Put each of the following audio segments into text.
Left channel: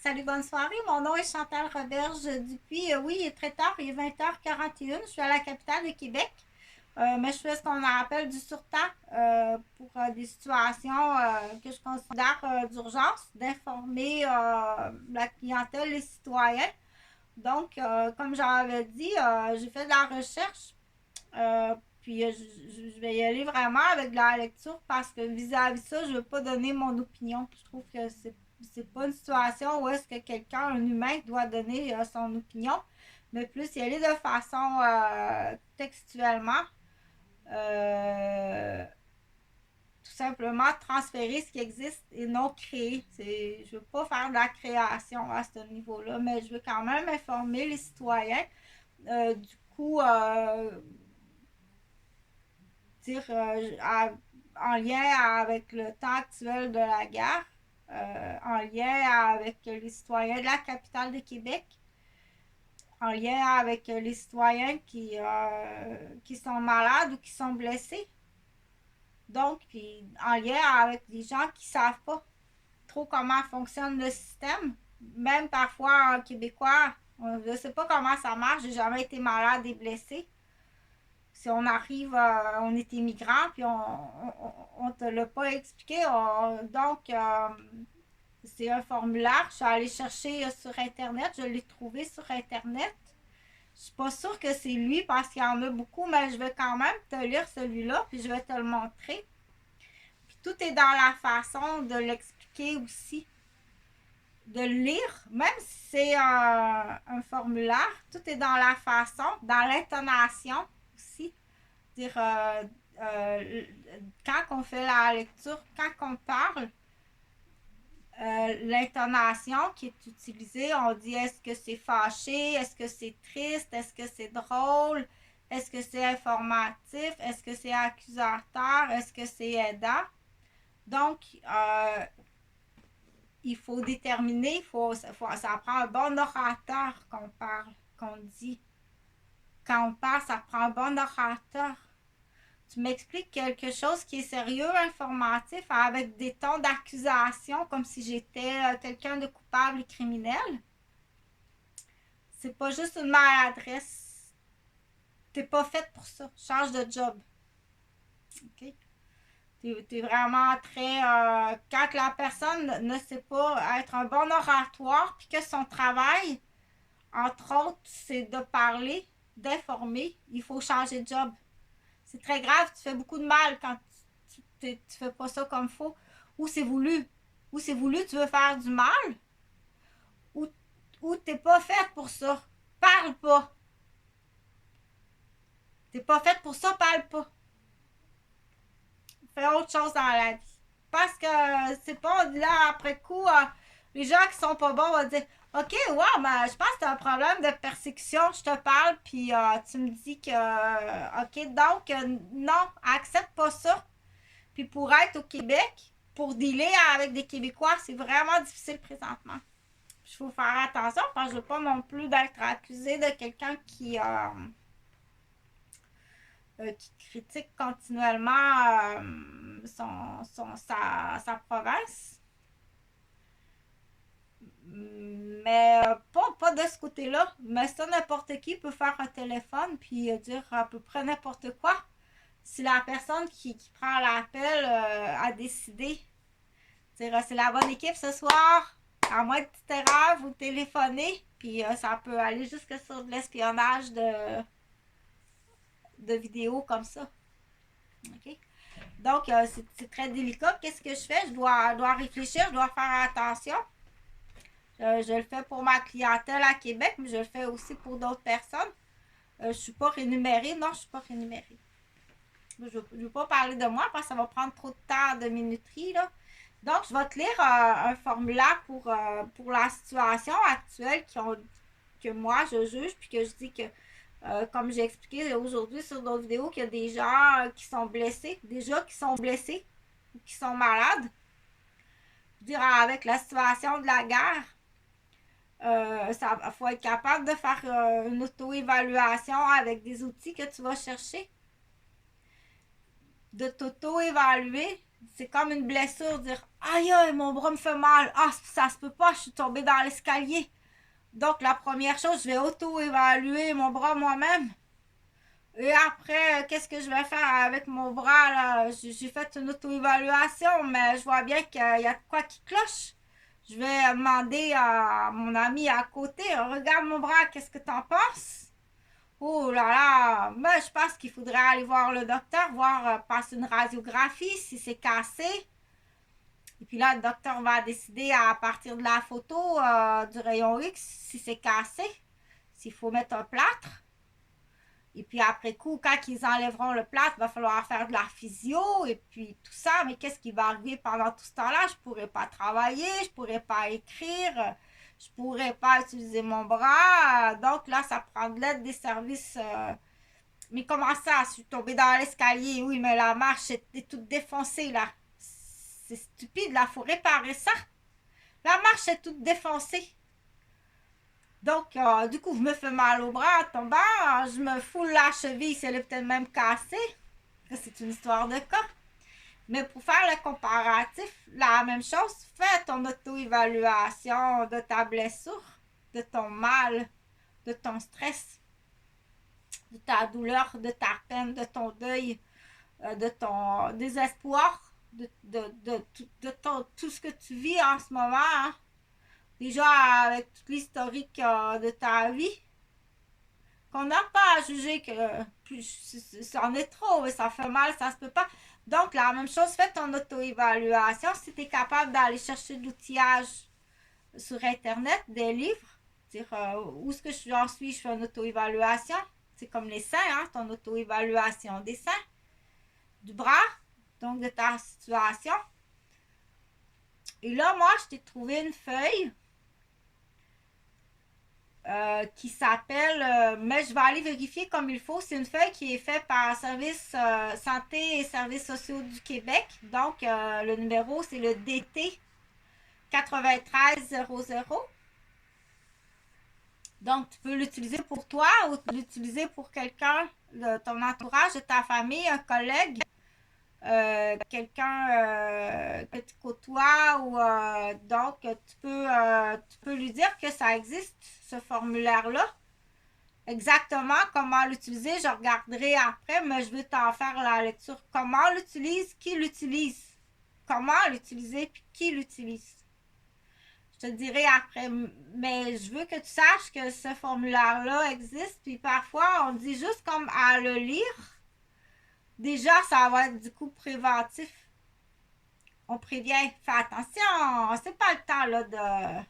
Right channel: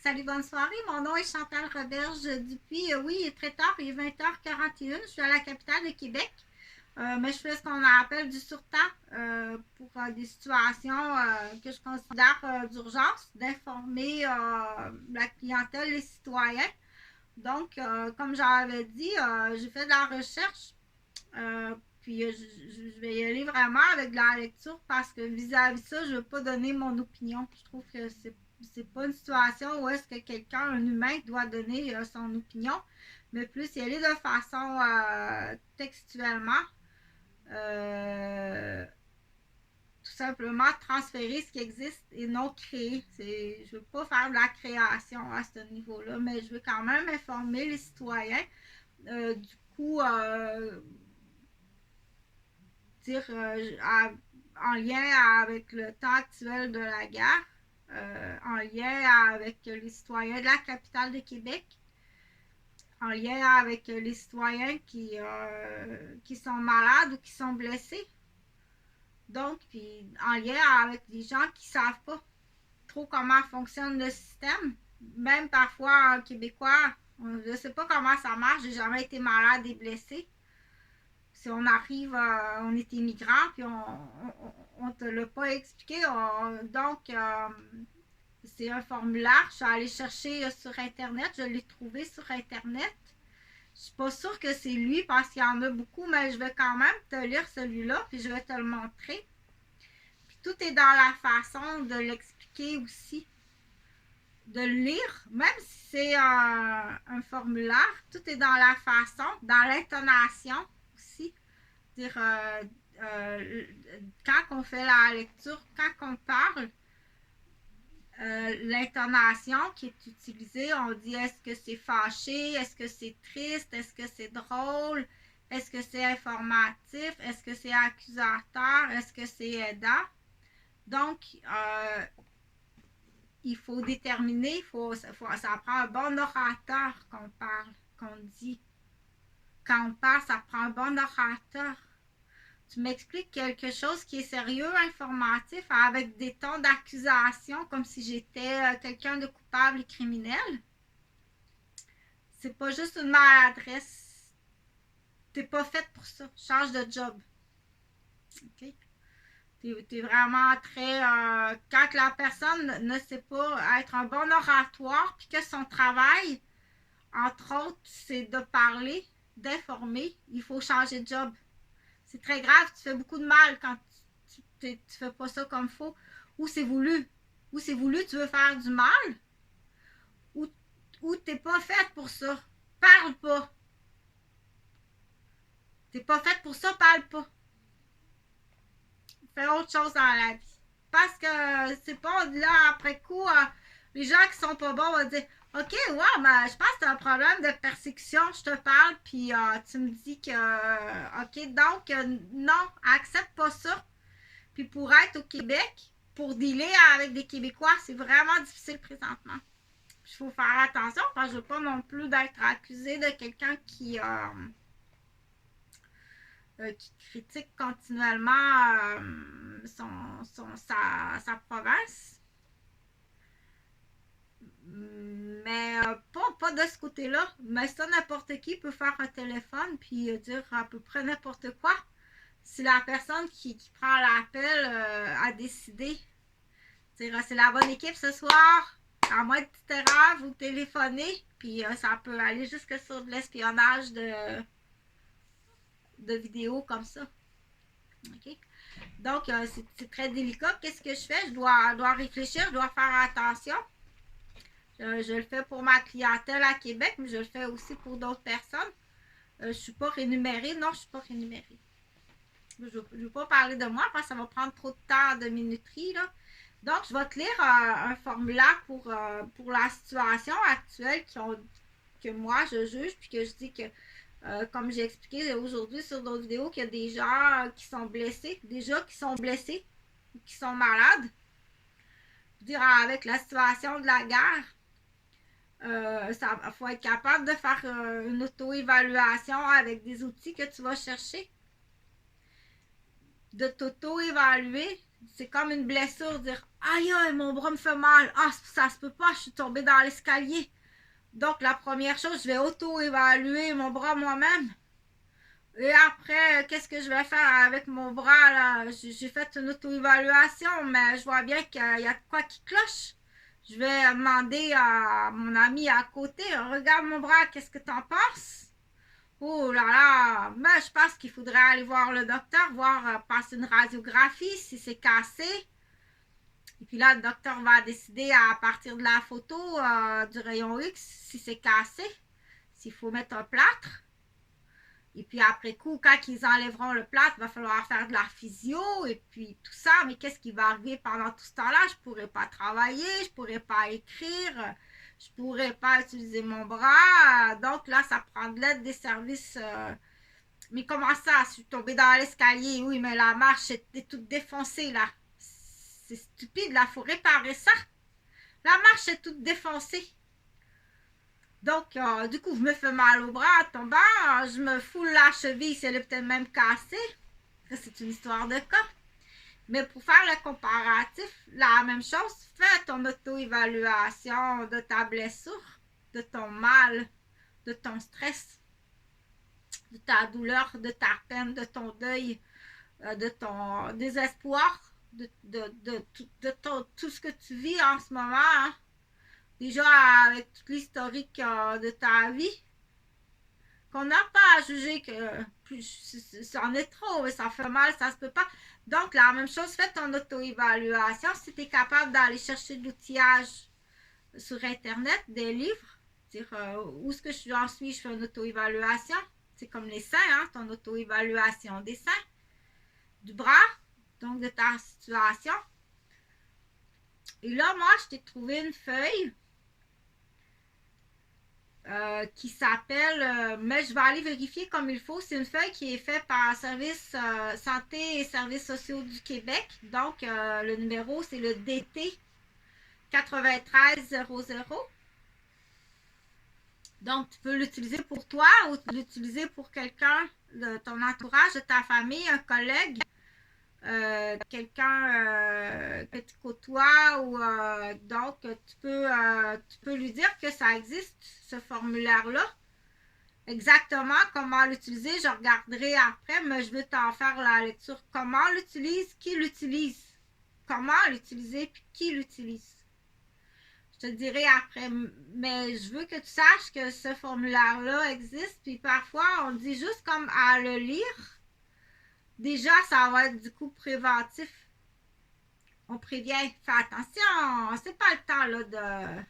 Salut, bonne soirée. Mon nom est Chantal Roberge Dupuis. Oui, il est très tard, il est 20h41. Je suis à la capitale de Québec. Mais je fais ce qu'on appelle du surtemps pour des situations que je considère d'urgence, d'informer la clientèle, les citoyens. Donc, comme j'avais dit, j'ai fait de la recherche. Euh, je vais y aller vraiment avec de la lecture parce que vis-à-vis de ça, je ne veux pas donner mon opinion. Je trouve que c'est pas une situation où est-ce que quelqu'un, un humain, doit donner son opinion, mais plus y aller de façon textuellement. Euh, Tout simplement transférer ce qui existe et non créer. Je ne veux pas faire de la création à ce niveau-là, mais je veux quand même informer les citoyens. Du coup, dire en lien avec le temps actuel de la guerre, en lien avec les citoyens de la capitale de Québec, en lien avec les citoyens qui sont malades ou qui sont blessés. Donc, puis en lien avec des gens qui ne savent pas trop comment fonctionne le système. Même parfois en québécois, je ne sais pas comment ça marche, j'ai jamais été malade et blessé. Si on arrive, on est immigrant, puis on te l'a pas expliqué. Donc, c'est un formulaire. Je suis allée chercher sur Internet. Je l'ai trouvé sur Internet. Je suis pas sûre que c'est lui parce qu'il y en a beaucoup, mais je vais quand même te lire celui-là, puis je vais te le montrer. Puis tout est dans la façon de l'expliquer aussi, de le lire, même si c'est un formulaire, tout est dans la façon, dans l'intonation aussi. Dire, quand on fait la lecture, quand on parle, l'intonation qui est utilisée, on dit est-ce que c'est fâché, est-ce que c'est triste, est-ce que c'est drôle, est-ce que c'est informatif, est-ce que c'est accusateur, est-ce que c'est aidant. Donc, il faut déterminer, ça prend un bon orateur qu'on parle, qu'on dit. Quand on parle, ça prend un bon orateur. Tu m'expliques quelque chose qui est sérieux, informatif, avec des tons d'accusation, comme si j'étais quelqu'un de coupable et criminel. C'est pas juste une maladresse. T'es pas faite pour ça. Change de job. OK? T'es vraiment très... quand la personne ne sait pas être un bon oratoire, puis que son travail, entre autres, c'est de parler, d'informer, il faut changer de job. C'est très grave, tu fais beaucoup de mal quand tu fais pas ça comme faut. Ou c'est voulu. Ou c'est voulu, tu veux faire du mal. Ou, ou t'es pas faite pour ça. Parle pas. T'es pas faite pour ça, parle pas. Fais autre chose dans la vie. Parce que c'est pas là, après coup, les gens qui sont pas bons vont dire OK, ouais, mais je pense que t'as un problème de persécution. Je te parle, puis tu me dis que. OK, donc, non, accepte pas ça. Puis pour être au Québec, pour dealer avec des Québécois, c'est vraiment difficile présentement. Il faut faire attention parce que je ne veux pas non plus d'être accusé de quelqu'un qui critique continuellement sa province. Mais pas de ce côté-là. Mais ça, n'importe qui peut faire un téléphone puis dire à peu près n'importe quoi. Si la personne qui prend l'appel a décidé, c'est la bonne équipe ce soir, à moins de petite erreur, vous téléphonez, puis ça peut aller jusque sur de l'espionnage de vidéos comme ça. OK? Donc, c'est très délicat. Qu'est-ce que je fais? Je dois réfléchir, je dois faire attention. Je le fais pour ma clientèle à Québec, mais je le fais aussi pour d'autres personnes. Je ne suis pas rémunérée. Non, je ne suis pas rémunérée. Je ne veux pas parler de moi parce que ça va prendre trop de temps de minuterie. Là. Donc, je vais te lire un formulaire pour la situation actuelle que moi, je juge, puis que je dis que, comme j'ai expliqué aujourd'hui sur d'autres vidéos, qu'il y a des gens qui sont blessés, déjà qui sont blessés ou qui sont malades. Je veux dire, avec la situation de la guerre, il faut être capable de faire une auto-évaluation avec des outils que tu vas chercher, de t'auto-évaluer C'est comme une blessure, dire aïe aïe, mon bras me fait mal. Ah, ça se peut pas, je suis tombée dans l'escalier. Donc, la première chose, je vais auto-évaluer mon bras moi-même. Et après, qu'est-ce que je vais faire avec mon bras là? J'ai fait une auto-évaluation, mais je vois bien qu'il y a de quoi qui cloche. Je vais demander à mon ami à côté, regarde mon bras, qu'est-ce que t'en penses? Oh là là, mais je pense qu'il faudrait aller voir le docteur, voir passer une radiographie si c'est cassé. Et puis là, le docteur va décider à partir de la photo du rayon X si c'est cassé, s'il faut mettre un plâtre. Et puis après coup, quand ils enlèveront le plâtre, il va falloir faire de la physio et puis tout ça. Mais qu'est-ce qui va arriver pendant tout ce temps-là? Je ne pourrais pas travailler, je ne pourrais pas écrire, je ne pourrais pas utiliser mon bras. Donc là, ça prend de l'aide des services. Mais comment ça? Je suis tombée dans l'escalier. Oui, mais la marche était toute défoncée là. C'est stupide, là, il faut réparer ça. La marche est toute défoncée. Donc, du coup, je me fais mal au bras en tombant. Je me foule la cheville, c'est peut-être même cassé. C'est une histoire de cas. Mais pour faire le comparatif, la même chose, fais ton auto-évaluation de ta blessure, de ton mal, de ton stress, de ta douleur, de ta peine, de ton deuil, de ton désespoir, de tout ce que tu vis en ce moment. Hein. Déjà, avec toute l'historique de ta vie, qu'on n'a pas à juger que ça en est trop, mais ça fait mal, ça se peut pas. Donc, la même chose, fais ton auto-évaluation. Si tu es capable d'aller chercher de l'outillage sur Internet, des livres, dire où est-ce que j'en suis, je fais une auto-évaluation. C'est comme les seins, hein, ton auto-évaluation des seins, du bras, donc de ta situation. Et là, moi, je t'ai trouvé une feuille qui s'appelle, mais je vais aller vérifier comme il faut. C'est une feuille qui est faite par Service Santé et Services sociaux du Québec. Donc, le numéro, c'est le DT 9300. Donc, tu peux l'utiliser pour toi ou l'utiliser pour quelqu'un de ton entourage, de ta famille, un collègue, quelqu'un que tu côtoies. Ou, donc, tu peux lui dire que ça existe, ce formulaire-là. Exactement comment l'utiliser, je regarderai après, mais je veux t'en faire la lecture. Comment l'utilise, qui l'utilise, comment l'utiliser, puis qui l'utilise. Je te dirai après, mais je veux que tu saches que ce formulaire-là existe, puis parfois on dit juste comme à le lire. Déjà, ça va être du coup préventif. On prévient, fais attention, c'est pas le temps là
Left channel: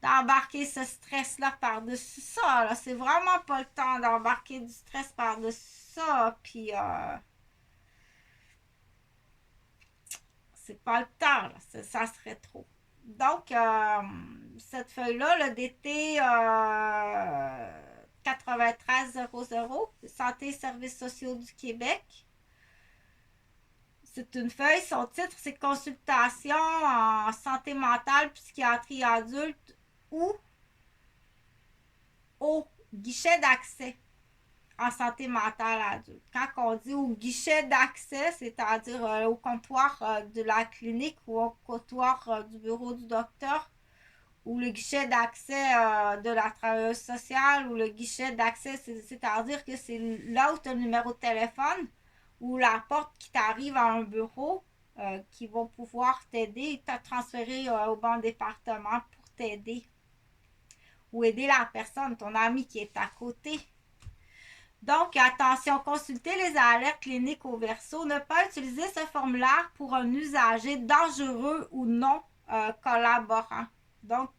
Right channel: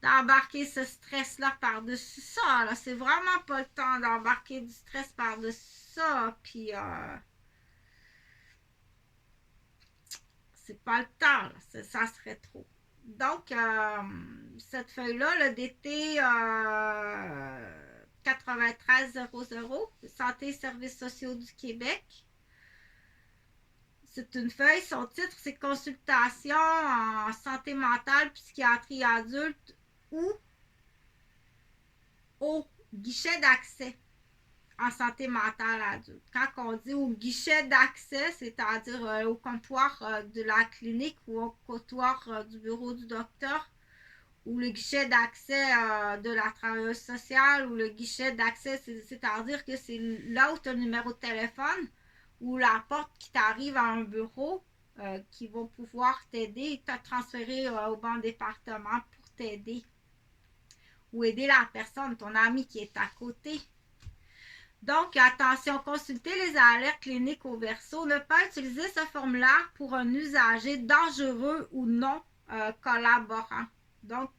d'embarquer ce stress-là par-dessus ça. Là. C'est vraiment pas le temps d'embarquer du stress par-dessus ça. Puis, c'est pas le temps. Là. Ça serait trop. Donc, cette feuille-là, le DT 9300, Santé et Services sociaux du Québec, c'est une feuille. Son titre, c'est Consultation en santé mentale, psychiatrie adulte ou au guichet d'accès en santé mentale adulte. Quand on dit au guichet d'accès, c'est-à-dire au comptoir de la clinique ou au comptoir du bureau du docteur, ou le guichet d'accès de la travailleuse sociale, ou le guichet d'accès, c'est-à-dire que c'est là où tu as le numéro de téléphone ou la porte qui t'arrive à un bureau qui vont pouvoir t'aider et te transférer au bon département pour t'aider ou aider la personne, ton ami qui est à côté. Donc, attention, consultez les alertes cliniques au verso. Ne pas utiliser ce formulaire pour un usager dangereux ou non collaborant. Donc,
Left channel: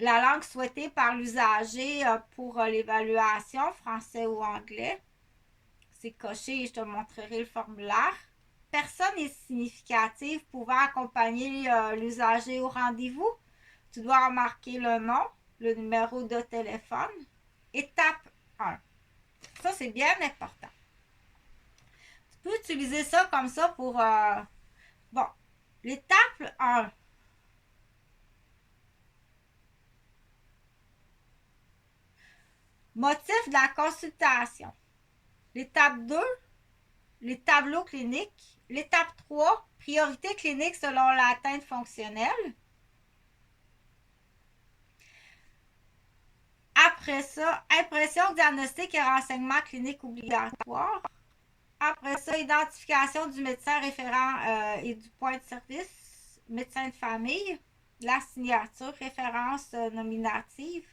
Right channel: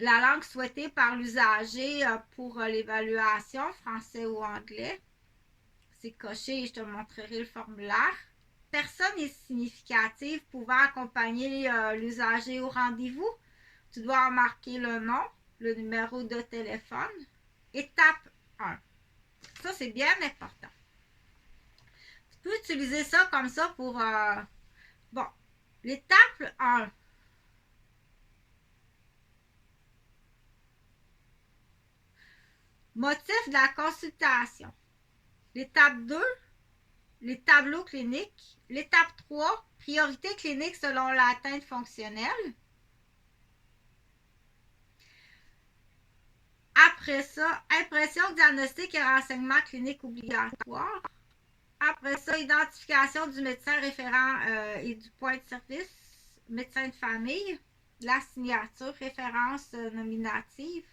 la langue souhaitée par l'usager pour l'évaluation, français ou anglais. C'est coché et je te montrerai le formulaire. Personne n'est significative pouvant accompagner l'usager au rendez-vous. Tu dois marquer le nom, le numéro de téléphone. Étape 1. Ça, c'est bien important. Tu peux utiliser ça comme ça pour... bon, l'étape 1. Motif de la consultation. L'étape 2. les tableaux cliniques. L'étape 3, priorité clinique selon l'atteinte fonctionnelle. Après ça, impression diagnostique et renseignement clinique obligatoire. Après ça, identification du médecin référent et du point de service, médecin de famille, la signature, référence nominative.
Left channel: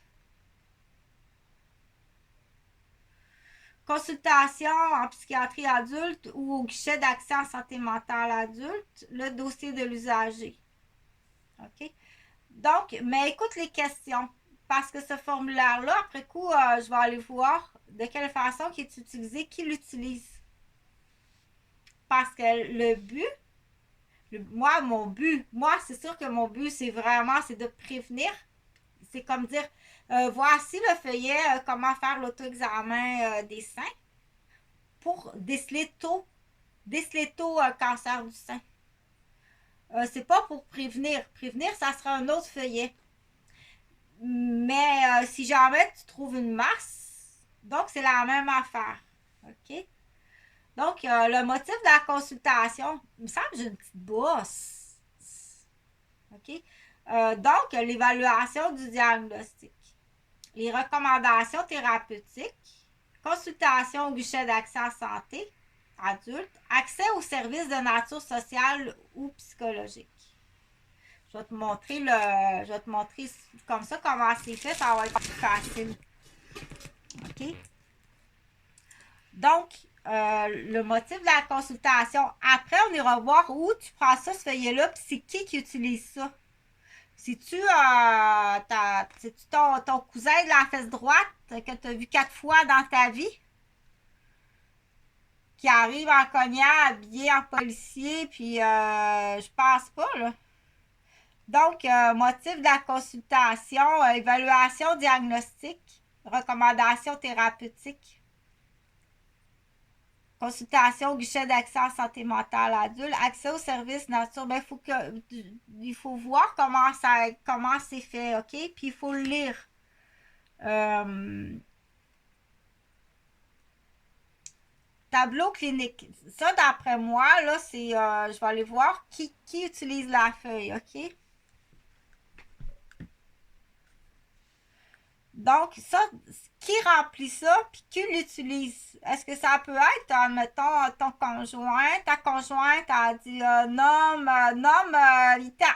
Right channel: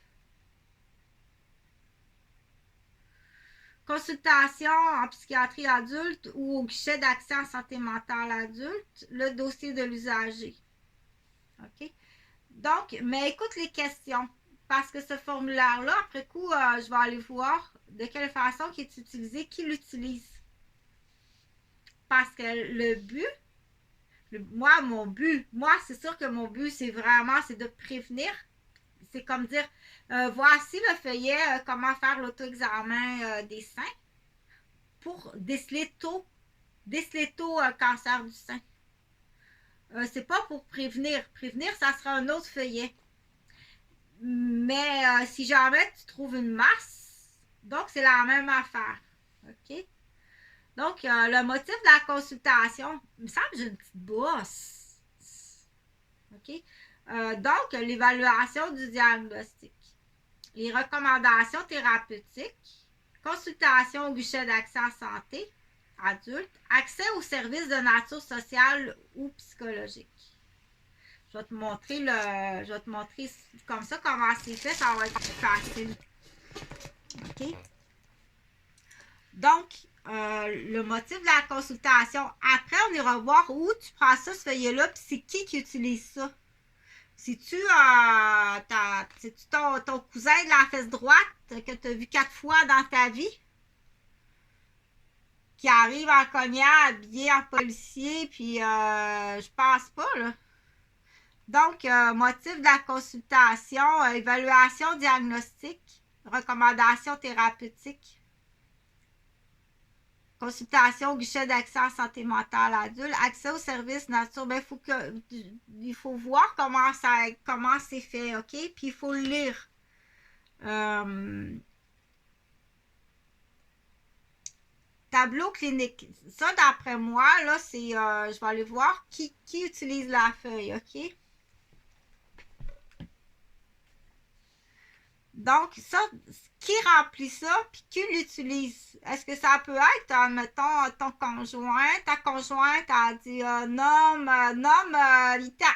Consultation en psychiatrie adulte ou au guichet d'accès en santé mentale adulte, le dossier de l'usager. OK? Donc, mais écoute les questions. Parce que ce formulaire-là, après coup, je vais aller voir de quelle façon il est utilisé, qui l'utilise. Parce que le but, moi, c'est sûr que mon but, c'est de prévenir. C'est comme dire, voici le feuillet, comment faire l'auto-examen des seins pour déceler tôt cancer du sein. C'est pas pour prévenir. Prévenir, ça sera un autre feuillet. Mais si jamais tu trouves une masse, donc c'est la même affaire. OK? Donc, le motif de la consultation, il me semble que j'ai une petite bosse. OK? Donc, l'évaluation du diagnostic. Les recommandations thérapeutiques. Consultation au guichet d'accès à santé adulte. Accès aux services de nature sociale ou psychologique. Je vais te montrer comme ça comment c'est fait, ça va être plus facile. OK? Donc, le motif de la consultation. Après, on ira voir où tu prends ça, ce feuillet-là, puis c'est qui utilise ça. C'est-tu ton cousin de la fesse droite que tu as vu 4 fois dans ta vie? Qui arrive en cognant, habillé en policier, puis je pense pas, là. Donc, motif de la consultation, évaluation diagnostique, recommandation thérapeutique, consultation au guichet d'accès en santé mentale adulte, accès aux services nature. Ben, il faut voir comment c'est fait, OK? Puis il faut le lire. Tableau clinique. Ça, d'après moi, là, c'est. Je vais aller voir qui utilise la feuille, OK? Donc, ça, qui remplit ça, puis qui l'utilise? Est-ce que ça peut être, mettons, ton conjoint, ta conjointe a dit nomme Lita.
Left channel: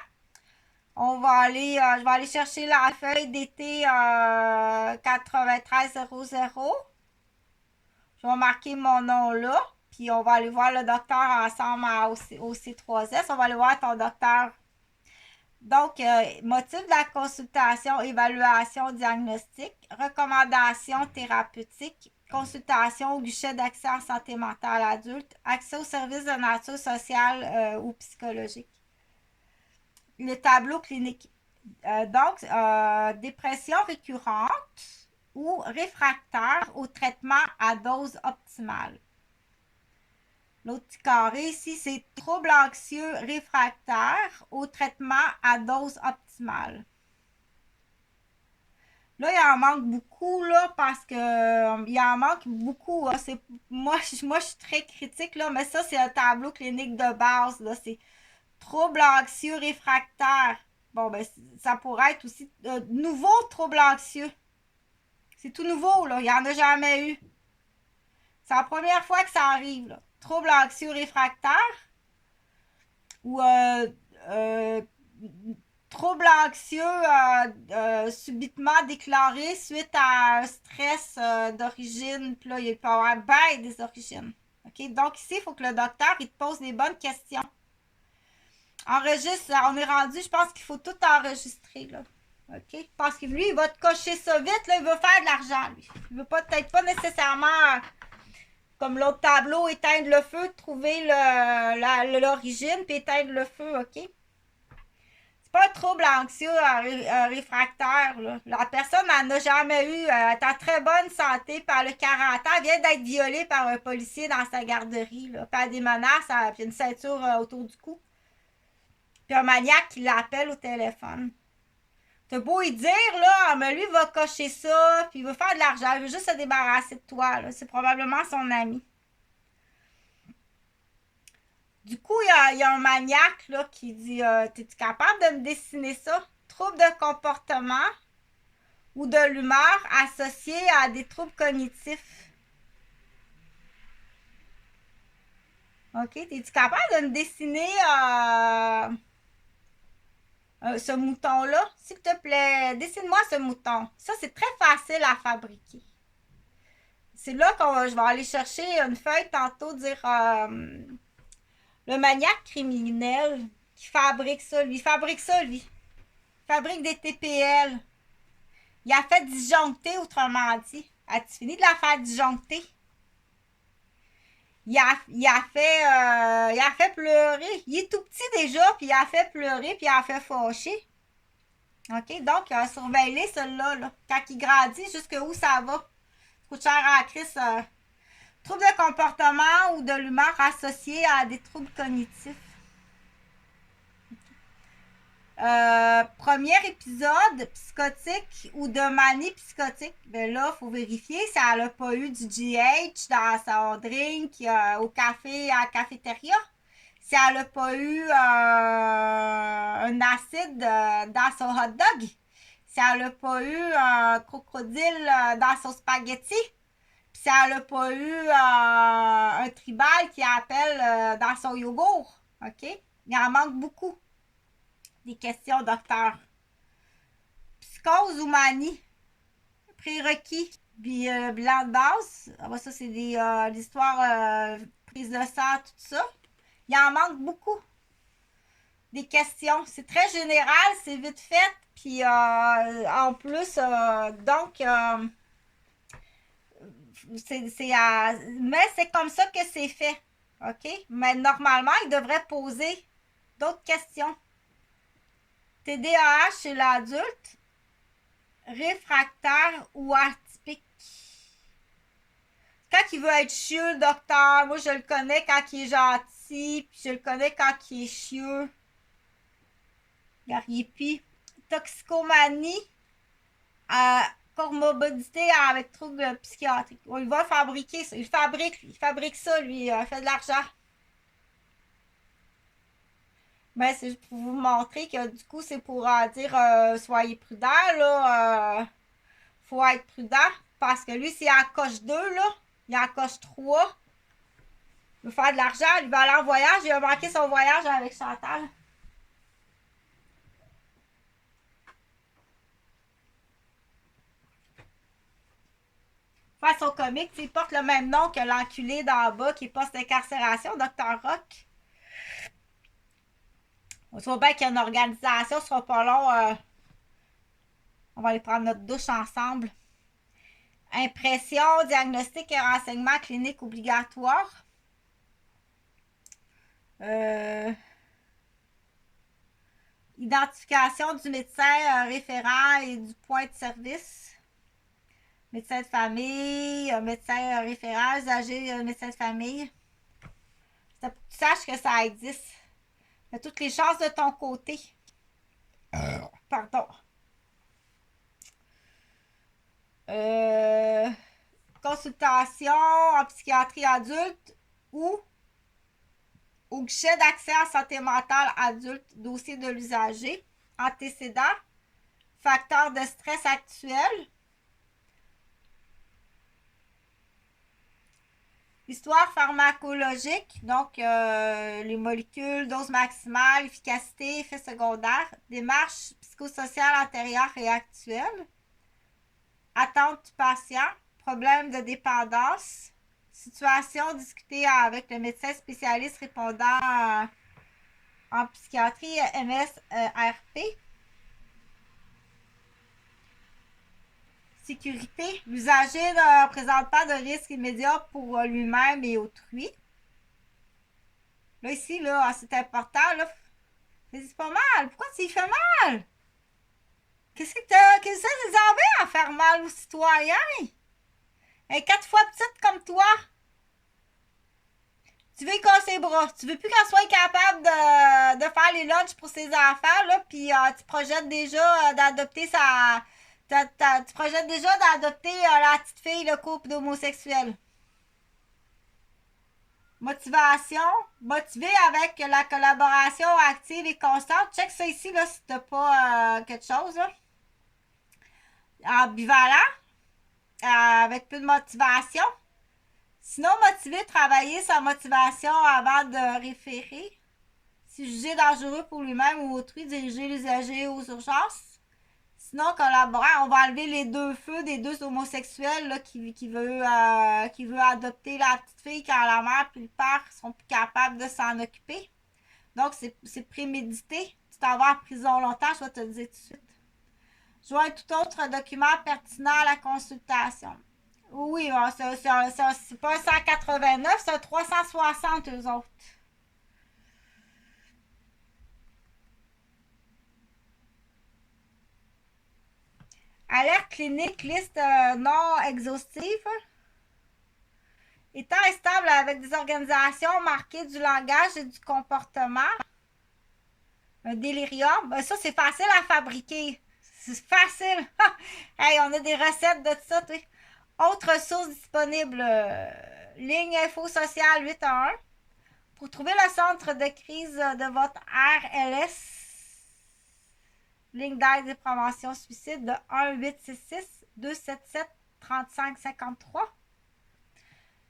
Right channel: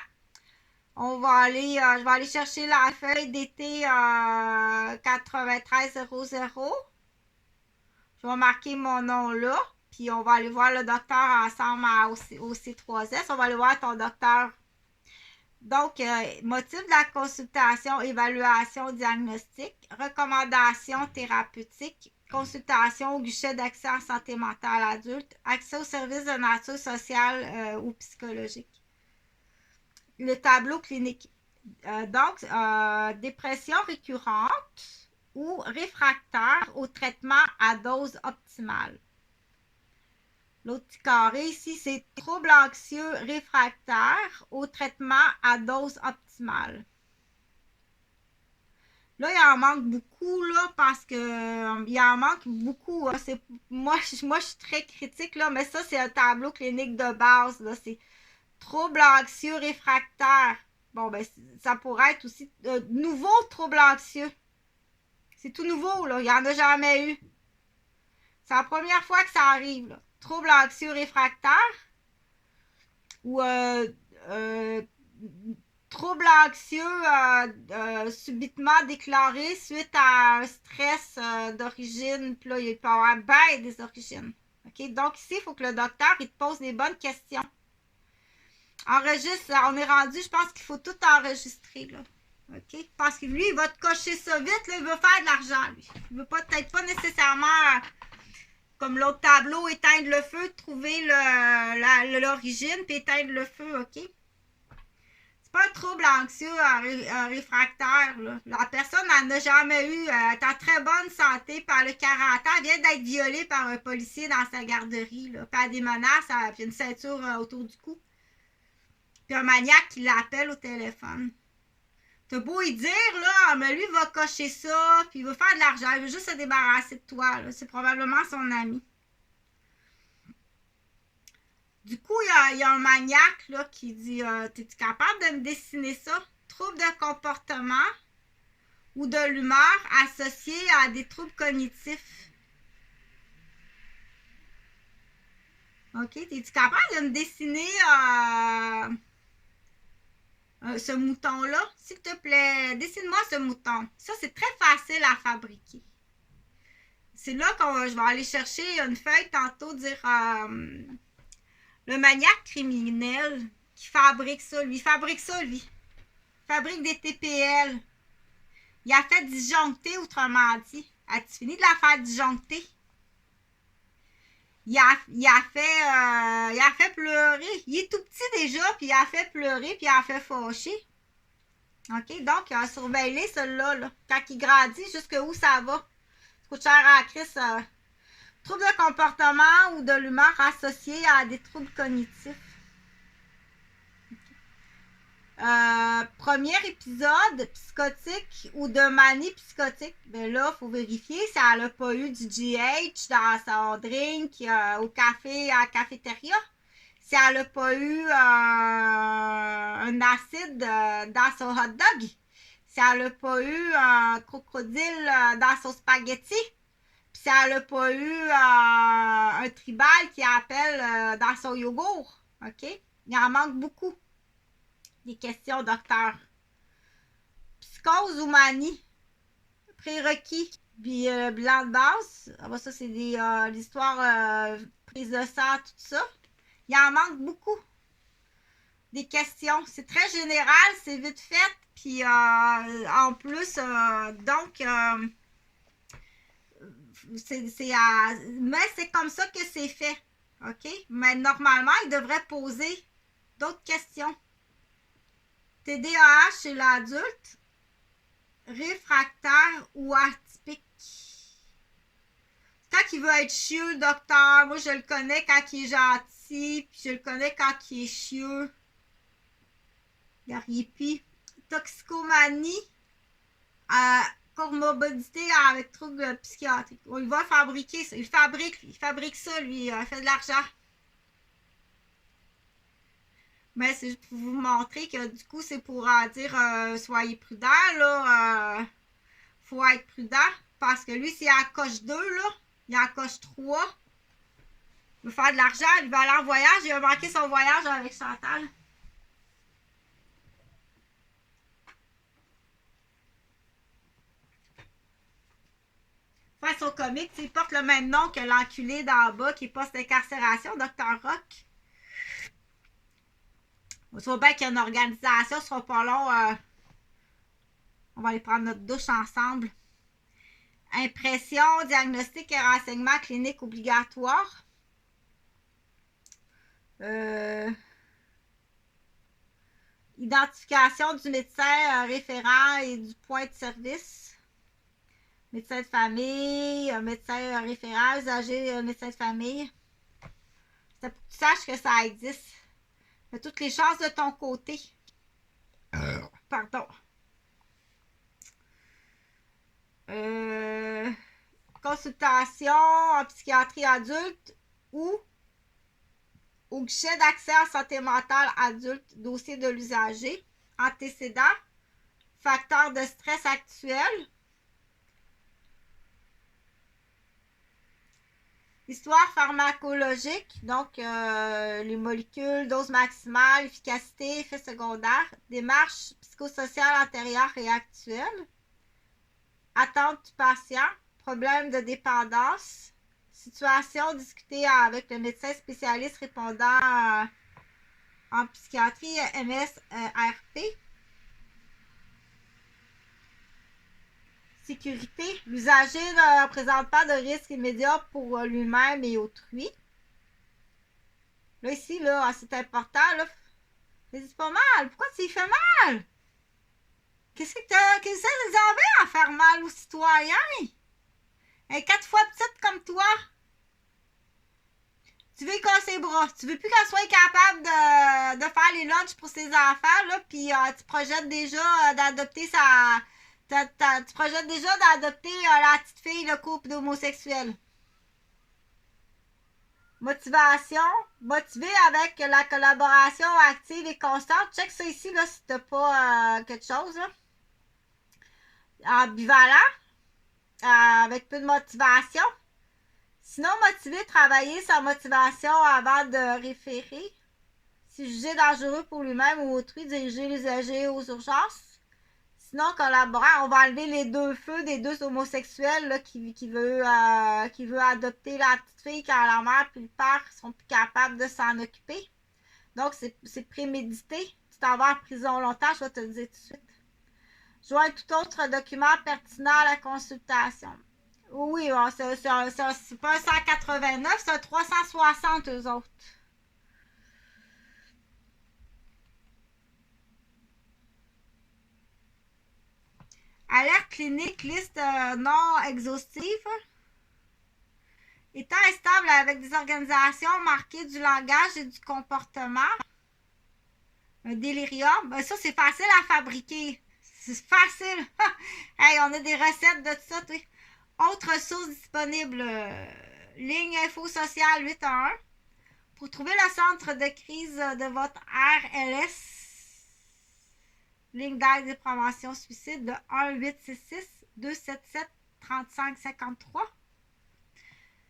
Je vais aller chercher la feuille d'été 9300. Je vais marquer mon nom là, puis on va aller voir le docteur ensemble au C3S. On va aller voir ton docteur. Donc, motif de la consultation, évaluation diagnostique, recommandation thérapeutique, consultation au guichet d'accès en santé mentale adulte, accès aux services de nature sociale ou psychologique. Le tableau clinique. Donc, dépression récurrente ou réfractaire au traitement à dose optimale. L'autre petit carré ici, c'est trouble anxieux réfractaire au traitement à dose optimale. Là, il en manque beaucoup, là, parce que il en manque beaucoup. Hein. Moi, je suis très critique, là, mais ça, c'est un tableau clinique de base. Là. C'est trouble anxieux réfractaire. Bon, ben, ça pourrait être aussi nouveau trouble anxieux. C'est tout nouveau, là. Il n'y en a jamais eu. C'est la première fois que ça arrive, là. Trouble anxieux réfractaire ou trouble anxieux subitement déclaré suite à un stress d'origine. Puis là, il peut y avoir bien des origines. Okay? Donc ici, il faut que le docteur il te pose des bonnes questions. Enregistre, on est rendu, je pense qu'il faut tout enregistrer. Là. OK? Parce que lui, il va te cocher ça vite, là, il veut faire de l'argent, lui. Il veut peut-être pas nécessairement, comme l'autre tableau, éteindre le feu, trouver l'origine, puis éteindre le feu, OK? C'est pas un trouble anxieux réfractaire, là. La personne n'en a jamais eu, elle est en très bonne santé, par le 40 ans, elle vient d'être violée par un policier dans sa garderie, là. Puis elle a des menaces, puis une ceinture autour du cou. Puis un maniaque qui l'appelle au téléphone. T'as beau y dire, là, mais lui, il va cocher ça, puis il veut faire de l'argent, il veut juste se débarrasser de toi, là. C'est probablement son ami. Du coup, il y a un maniaque là, qui dit t'es-tu capable de me dessiner ça? Trouble de comportement ou de l'humeur associés à des troubles cognitifs. OK, es-tu capable de me dessiner ce mouton-là? S'il te plaît, dessine-moi ce mouton. Ça, c'est très facile à fabriquer. C'est là je vais aller chercher une feuille tantôt, dire le maniaque criminel qui fabrique ça, lui. Il fabrique ça, lui. Il fabrique des TPL. Il a fait disjoncter, autrement dit. As-tu fini de la faire disjoncter? Il a fait pleurer. Il est tout petit déjà, puis il a fait pleurer, puis il a fait fâcher. OK? Donc, surveillez celui-là, là. Quand il grandit, jusqu'où ça va. Ça coûte cher à Chris. Troubles de comportement ou de l'humeur associés à des troubles cognitifs. Premier épisode psychotique ou de manie psychotique, ben là, il faut vérifier si elle n'a pas eu du GH dans son drink au café, à la cafétéria. Si elle n'a pas eu un acide dans son hot dog. Si elle n'a pas eu un crocodile dans son spaghetti. Puis si elle n'a pas eu un tribal qui appelle dans son yogourt. OK? Il en manque beaucoup. Des questions, docteur. Psychose ou manie? Prérequis. Puis bilan de base. Ah, ça, c'est des histoires prise de sang, tout ça. Il en manque beaucoup. Des questions. C'est très général, c'est vite fait. Puis en plus, donc, mais c'est comme ça que c'est fait. OK? Mais normalement, il devrait poser d'autres questions. TDAH chez l'adulte, réfractaire ou atypique. Quand il veut être chieux, le docteur, moi je le connais quand il est gentil, puis je le connais quand il est chieux. Gariepi. Toxicomanie, comorbidité avec troubles psychiatriques. Il va fabriquer ça. Il fabrique ça, lui. Il fait de l'argent. Mais c'est juste pour vous montrer que du coup, c'est pour dire soyez prudents, là. Faut être prudent. Parce que lui, s'il en coche 2, là, il en coche 3. Il veut faire de l'argent, il va aller en voyage, il va manquer son voyage avec Chantal. Façon comique, il porte le même nom que l'enculé d'en bas qui est post-incarcération, Dr. Rock. On voit bien qu'il y a une organisation, ce sera pas long. On va aller prendre notre douche ensemble. Impression, diagnostic et renseignement clinique obligatoire. Identification du médecin référent et du point de service. Médecin de famille, médecin référent, usager, médecin de famille. C'est pour que tu saches que ça existe. Tu as toutes les chances de ton côté. Pardon. Consultation en psychiatrie adulte ou au guichet d'accès à santé mentale adulte, dossier de l'usager, antécédent, facteur de stress actuel, histoire pharmacologique, donc les molécules, dose maximale, efficacité, effets secondaires, démarche psychosociale antérieure et actuelle, attente du patient, problème de dépendance, situation discutée avec le médecin spécialiste répondant en psychiatrie MSRP. Sécurité. L'usager ne présente pas de risque immédiat pour lui-même et autrui. Là, ici, là, c'est important. Là. C'est pas mal. Pourquoi tu y fais mal? Qu'est-ce que vous avez à faire mal aux citoyens? Un 4 fois petite comme toi. Tu veux y casser les bras. Tu veux plus qu'elle soit capable de faire les lunchs pour ses enfants, là, puis tu projettes déjà d'adopter sa... Tu projettes déjà d'adopter la petite fille, le couple d'homosexuels. Motivation. Motivé avec la collaboration active et constante. Check ça ici, là, si t'as pas quelque chose, là. Ambivalent. Avec peu de motivation. Sinon, motivé, travailler sa motivation avant de référer. Si jugé dangereux pour lui-même ou autrui, diriger l'usager aux urgences. Sinon, collaborant, on va enlever les deux feux des deux homosexuels là, qui veut adopter la petite fille quand la mère et le père sont plus capables de s'en occuper. Donc, c'est prémédité. Tu t'en vas en prison longtemps, je vais te le dire tout de suite. Joins tout autre document pertinent à la consultation. Oui, c'est pas un 189, c'est un 360 eux autres. Alerte clinique, liste non exhaustive. Étant instable avec des organisations marquées du langage et du comportement. Un délirium. Ben, ça, c'est facile à fabriquer. C'est facile. Hey, on a des recettes de tout ça. Autres sources disponibles. Ligne info sociale 811. Pour trouver le centre de crise de votre RLS, ligne d'aide et prévention suicide de 1-866-277-3553.